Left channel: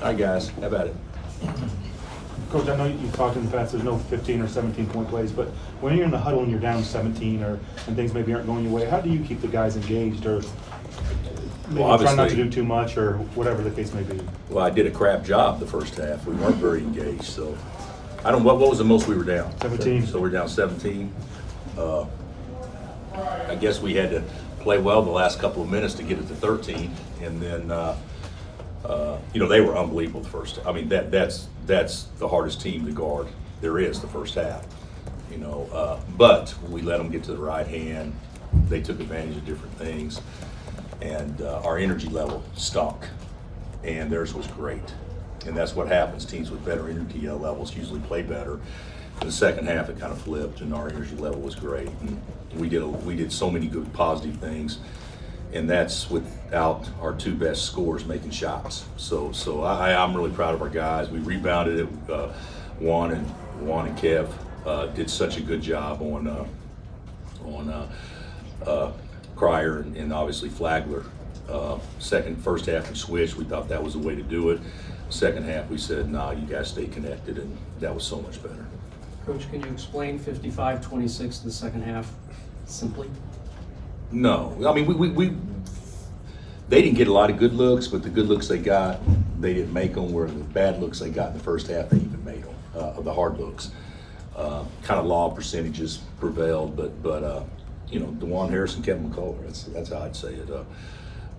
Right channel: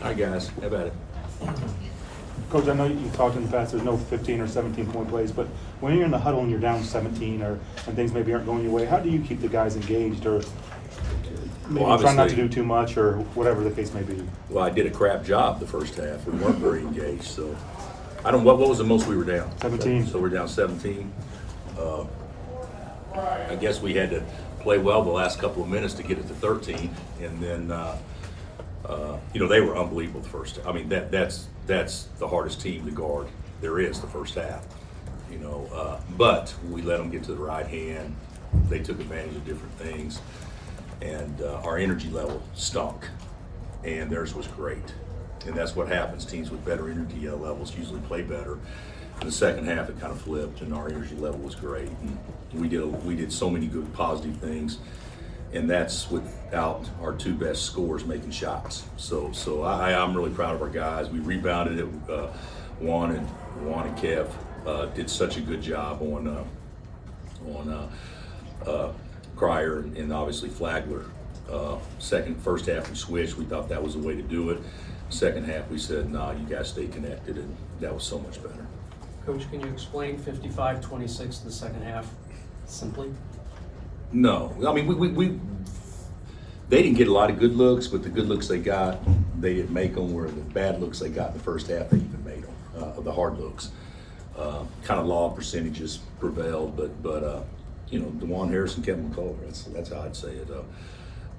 All right, guys, how about it? Coach, I know you talked in the past, there's no 15 or 17-point plays, but when you're in the huddle and you're down 17 and things maybe aren't going your way, how do you keep the guys engaged or maybe try not to obviously- do too much or whatever the case may be? Well, I did a crap job the first half. We weren't very engaged, so I don't. What was the most we were down? 17. So we're down 17. I guess we had to play well the last couple of minutes to get it to 13, and then they were unbelievable the first. I mean that's the hardest team to guard there is the first half. But we let them get to the right hand. They took advantage of different things, and our energy level stunk, and theirs was great. And that's what happens. Teams with better energy levels usually play better. In the second half, it kind of flipped, and our energy level was great. And we did so many good positive things, and that's without our two best scorers making shots. So I'm really proud of our guys. We rebounded it. Juan and Kev did such a good job on Cryer and obviously Flagler. First half we switched. We thought that was the way to do it. Second half we said, nah, you guys stay connected, and that was so much better. Coach, can you explain 55-26 in the second half simply? No, I mean they didn't get a lot of good looks, but the good looks they got, they didn't make them. Where the bad looks they got in the first half, they even made them. The hard looks, kind of law percentages prevailed, but DeJuan Harris and Kevin McCullough, that's how I'd say it.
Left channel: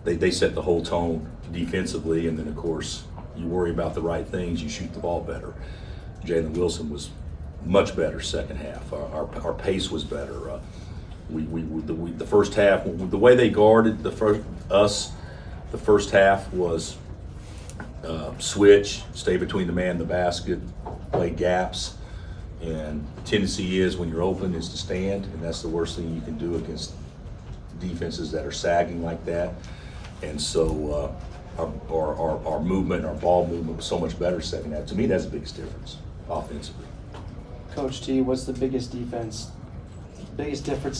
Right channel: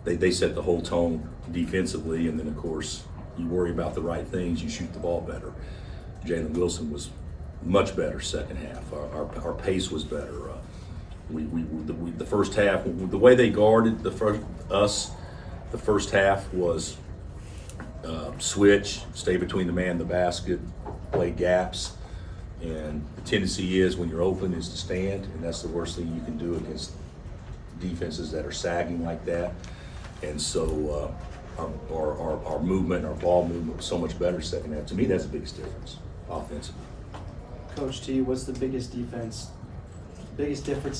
They set the whole tone defensively, and then of course you worry about the right things, you shoot the ball better. Jalen Wilson was much better second half. Our pace was better. The first half, the way they guarded the first half was switch, stay between the man and the basket, play gaps, and the tendency is when you're open is to stand, and that's the worst thing you can do against defenses that are sagging like that. And so our movement, our ball movement was so much better second half. To me, that's the biggest difference offensively. Coach T, what's the biggest difference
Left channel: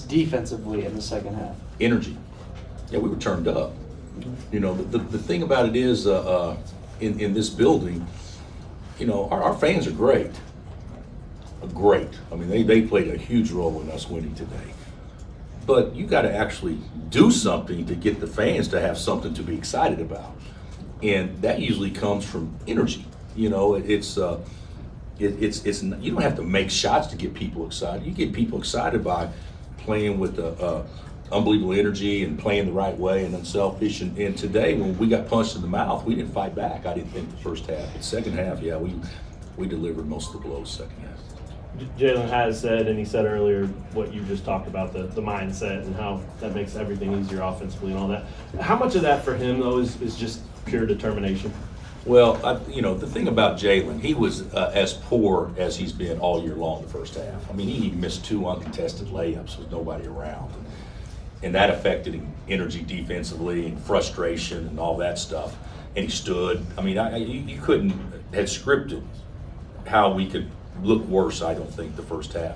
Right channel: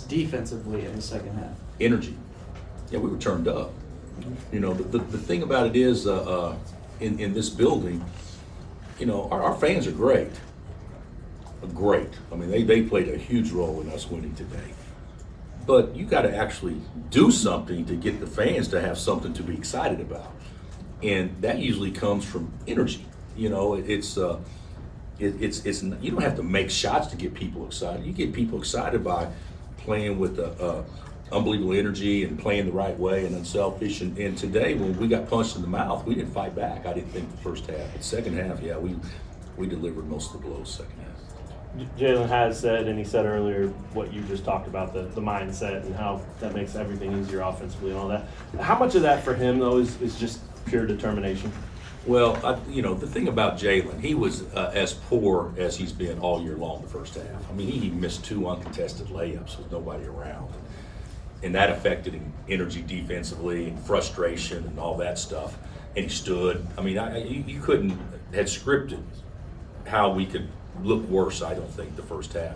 defensively in the second half? Energy. Yeah, we were turned up. The thing about it is, in this building, our fans are great. Great. I mean, they played a huge role in us winning today. But you got to actually do something to get the fans to have something to be excited about, and that usually comes from energy. It's you don't have to make shots to get people excited. You get people excited by playing with unbelievable energy and playing the right way and unselfish. And today, when we got punched in the mouth, we didn't fight back. I didn't think the first half. But second half, yeah, we delivered most of the blows second half. Jalen has said, and he said earlier what you just talked about, the mindset and how that makes everything easier offensively and all that. How much of that for him, though, is just pure determination? Well, the thing about Jalen, he was as poor as he's been all year long the first half. I mean, he missed 2 uncontested layups with nobody around. And that affected him energy defensively and frustration and all that stuff. And he stood. I mean, you couldn't have scripted how we could look worse, I don't think, the first half.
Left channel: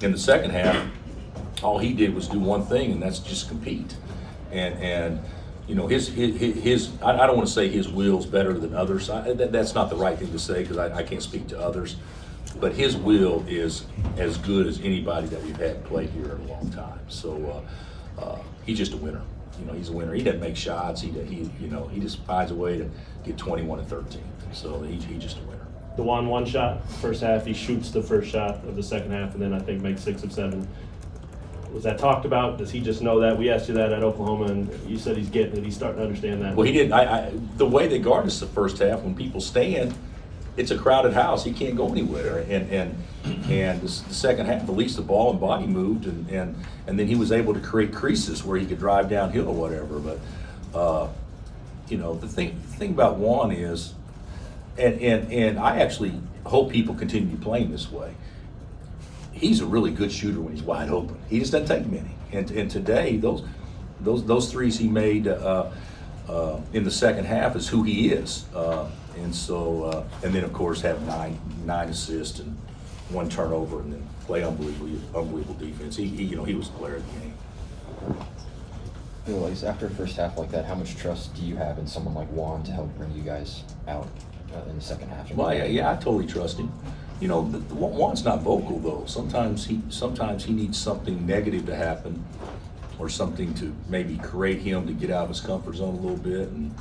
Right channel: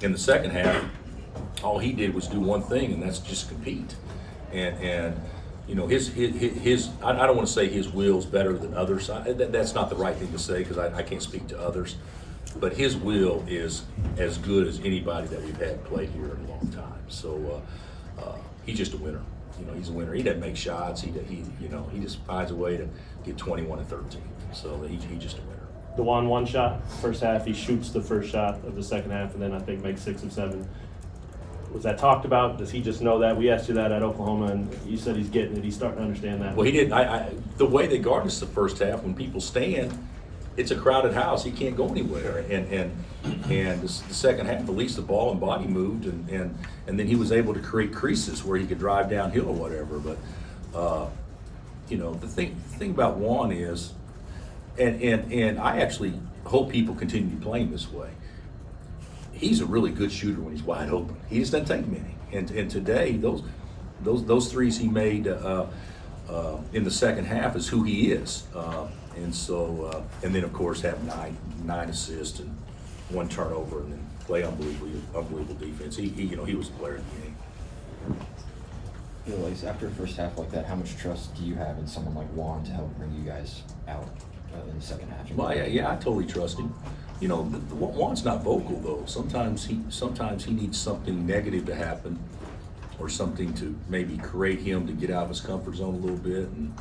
In the second half, all he did was do one thing, and that's just compete. And his I don't want to say his will's better than others. That's not the right thing to say because I can't speak to others. But his will is as good as anybody that we've had play here in a long time. So he's just a winner. He's a winner. He doesn't make shots. He just finds a way to get 21 and 13. So he's just a winner. DeJuan one shot first half. He shoots the first shot of the second half, and then I think makes 6 of 7. Was that talked about? Does he just know that? We asked you that at Oklahoma, and you said he's getting it. He's starting to understand that. Well, he didn't. The way they guard us the first half, when people stand, it's a crowded house. He can't go anywhere. And the second half, at least the ball and body moved, and then he was able to create creases where he could drive downhill or whatever. But the thing about Juan is, and I actually hope people continue playing this way. He's a really good shooter when he's wide open. He just doesn't take many. And today, those threes he made in the second half is who he is. And then of course have nine assists and 1 turnover, and then play unbelievable defense. He was the player of the game. Like, after a first half like that, how much trust do you have in someone like Juan to help bring you guys out in the second half? Well, yeah, I totally trust him. You know, Juan's not vocal though. Sometimes he needs something negative to happen, or something to maybe create him to get out of his comfort zone a little bit. And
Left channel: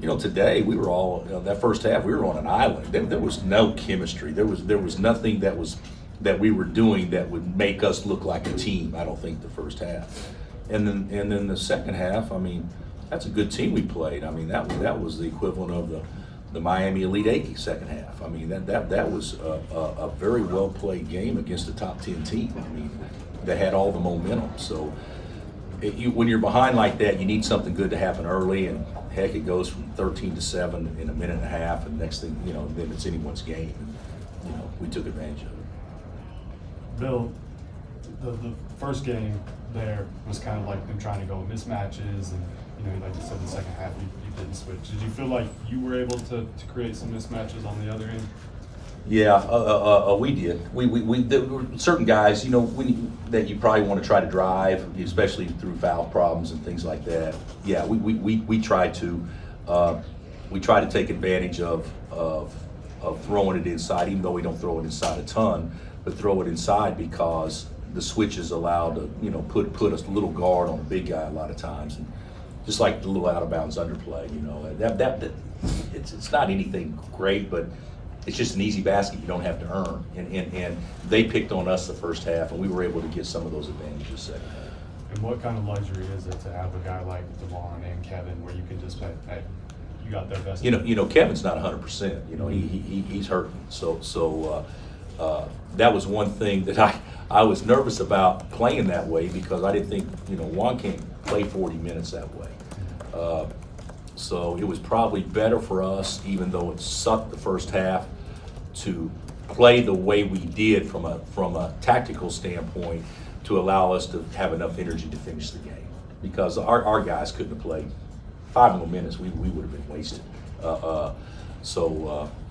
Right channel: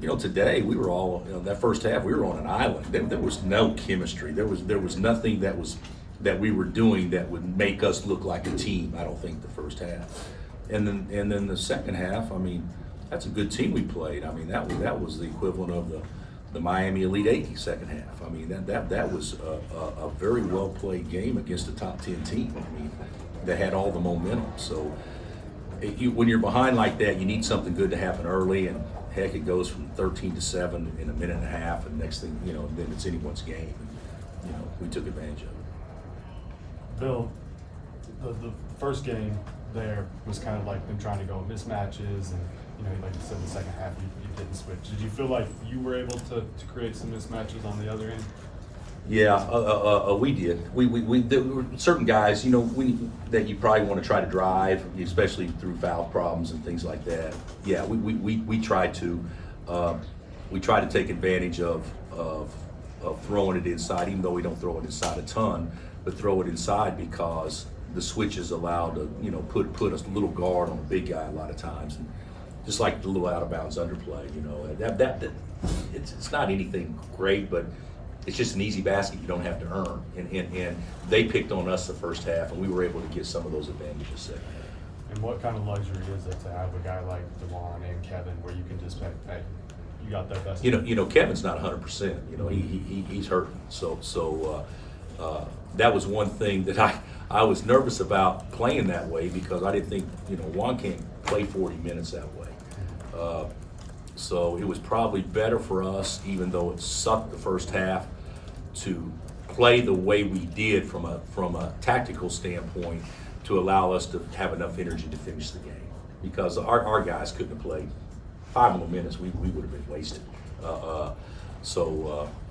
you know, today we were all that first half we were on an island. There was no chemistry. There was nothing that we were doing that would make us look like a team. I don't think the first half. And then the second half, I mean, that's a good team we played. I mean, that was the equivalent of the Miami Elite Eight second half. I mean, that was a very well played game against a top 10 team. I mean, that had all the momentum. So when you're behind like that, you need something good to happen early, and heck, it goes from 13-7 in a minute and a half, and next thing you know, then it's anyone's game. And you know, we took advantage of it. Bill, the first game there was kind of like them trying to go mismatches, and you know, like you said, the second half you didn't switch. Did you feel like you were able to create some mismatches on the other end? Yeah, we did. There were certain guys, you know, that you probably want to try to drive, especially through foul problems and things like that. Yeah, we tried to take advantage of throwing it inside, even though we don't throw it inside a ton, but throw it inside because the switches allowed to, you know, put a little guard on a big guy a lot of times, and just like the little out of bounds underplay, you know, that it's not anything great, but it's just an easy basket you don't have to earn. And they picked on us the first half, and we were able to get some of those advantages second half. And what kind of luxury is it to have a guy like DeVon and Kevin, where you can just say, hey, you got their best? You know, Kevin's not 100%. You know, he's hurting. So that was one thing that I was nervous about playing that way, because I didn't think, you know, Juan can't play 40 minutes that way. So it was probably better for us, even though it sucked the first half, to play the way we did from a tactical standpoint, to allow us to have enough energy to finish the game. Because our guys couldn't have played 5 more minutes, we would have been wasted.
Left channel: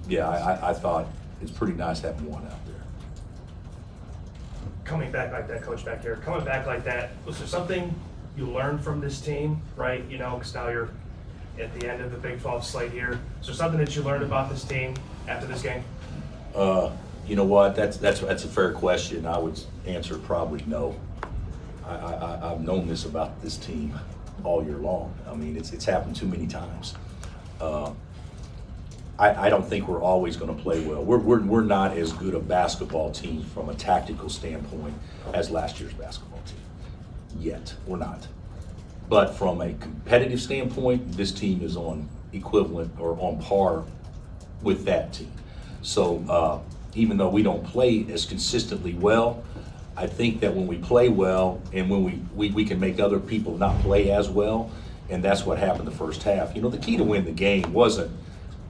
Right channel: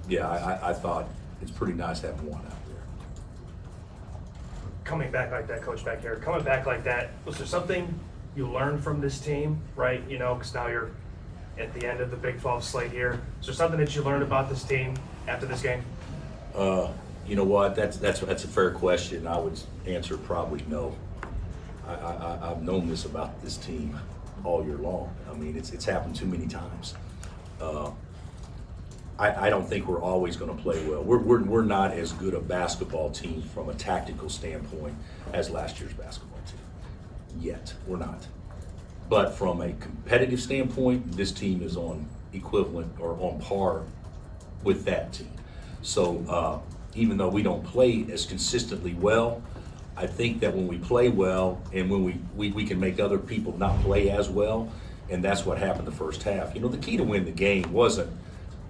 Yeah, I thought it's pretty nice having Juan out there. Coming back like that, Coach, back here, coming back like that, was there something you learned from this team, right? You know, because now you're at the end of the Big 12 slate here. Is there something that you learned about this team after this game? You know what? That's a fair question. I would answer probably no. I've known this about this team all year long. I mean, it's happened too many times. I don't think we're always going to play well. We're not as good a basketball team from a tactical standpoint as last year's basketball team. Yet, we're not. But from a competitive standpoint, this team is on equivalent or on par with that team. So even though we don't play as consistently well, I think that when we play well and when we can make other people not play as well, and that's what happened the first half. You know, the key to win the game wasn't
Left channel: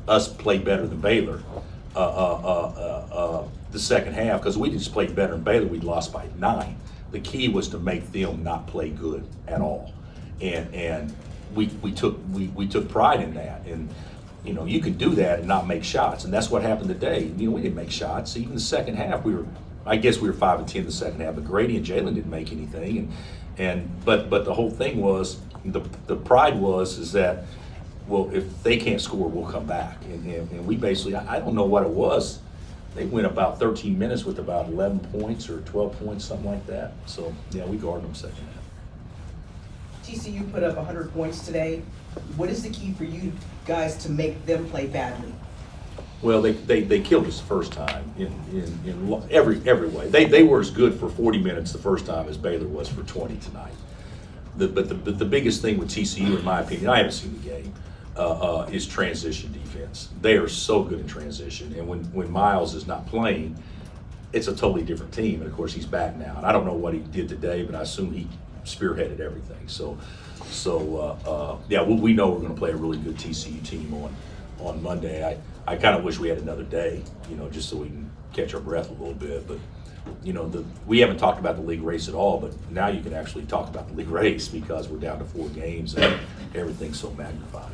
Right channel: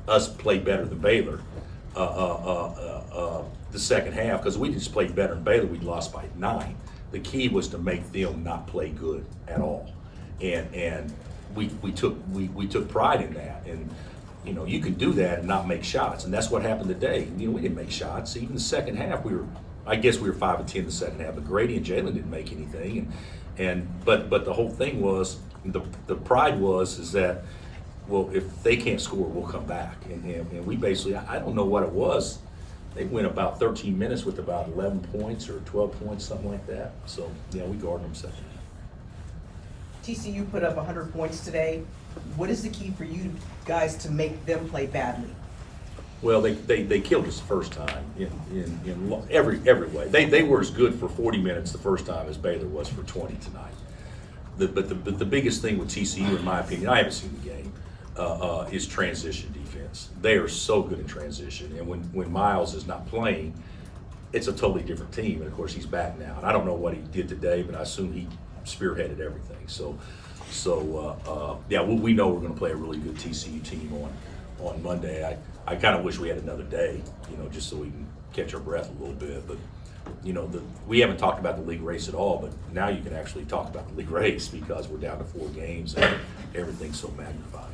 us play better than Baylor the second half, because we just played better than Baylor. We'd lost by 9. The key was to make them not play good at all, and we took pride in that. And you know, you can do that and not make shots, and that's what happened today. You know, we didn't make shots. Even the second half, I guess we were 5 of 10 in the second half, but Grady and Jalen didn't make anything. But the whole thing was, the pride is that, well, if they can't score, we'll come back. And we basically, I don't know what it was. They went about 13 minutes with about 11 points or 12 points, something like that. So, yeah, we guarded them second half. TCU put up 100 points today. What is the key for you guys to make them play badly? Well, they killed us the first time in every way. They were as good for 40 minutes the first time as Baylor was for 20 tonight. But the biggest thing with TCU, in my opinion, I haven't seen the game, is transition defense. They are so good in transition, and when Miles is not playing, it's a totally different team. And of course, he's back now, and I don't know what he did today, but I assume he spearheaded everything. So yeah, we know we're going to play a really good TCU team on Monday. I kind of wish we had another day, you know, just so we can catch our breath a little bit. But you know, we haven't talked about the league race at all, but now you can actually talk about the league race because we're down to 4 games and everything's so magnified.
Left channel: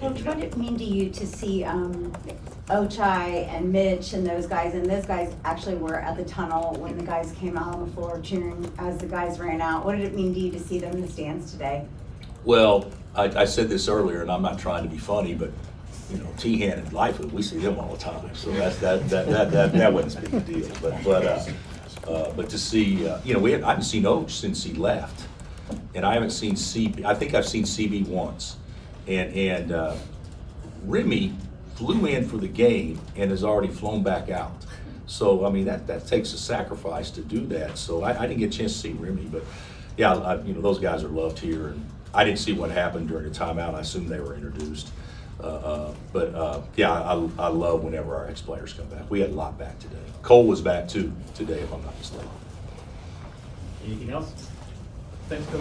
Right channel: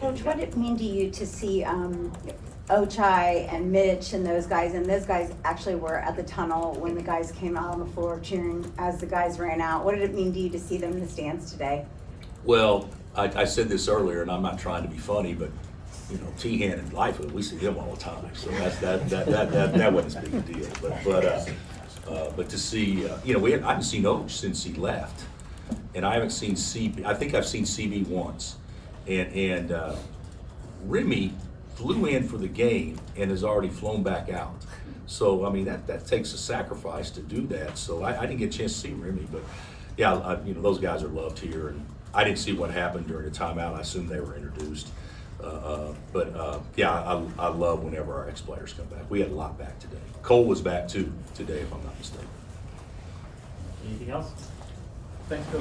Coach, what did it mean to you to see Ochai and Mitch and those guys actually were at the tunnel when the guys came out on the floor cheering as the guys ran out? What did it mean to you to see them in the stands today? Well, I said this earlier, and I'm not trying to be funny, but, you know, Tehan and Lightfoot, we see them all the time, so that wasn't as big a deal. But to see, you know, I haven't seen Oach since he left, and I haven't seen CB. I think I've seen CB once, and Remy flew in for the game and has already flown back out. So I mean that takes a sacrifice to do that. So I didn't get a chance to see Remy, but yeah, you know, those guys are loved here, and I didn't see what happened during the timeout. I assume they were introduced. Yeah, I love whenever our ex-players come back. We had a lot back today. Cole was back too today, if I'm not mistaken. Anything else? Thanks, Coach.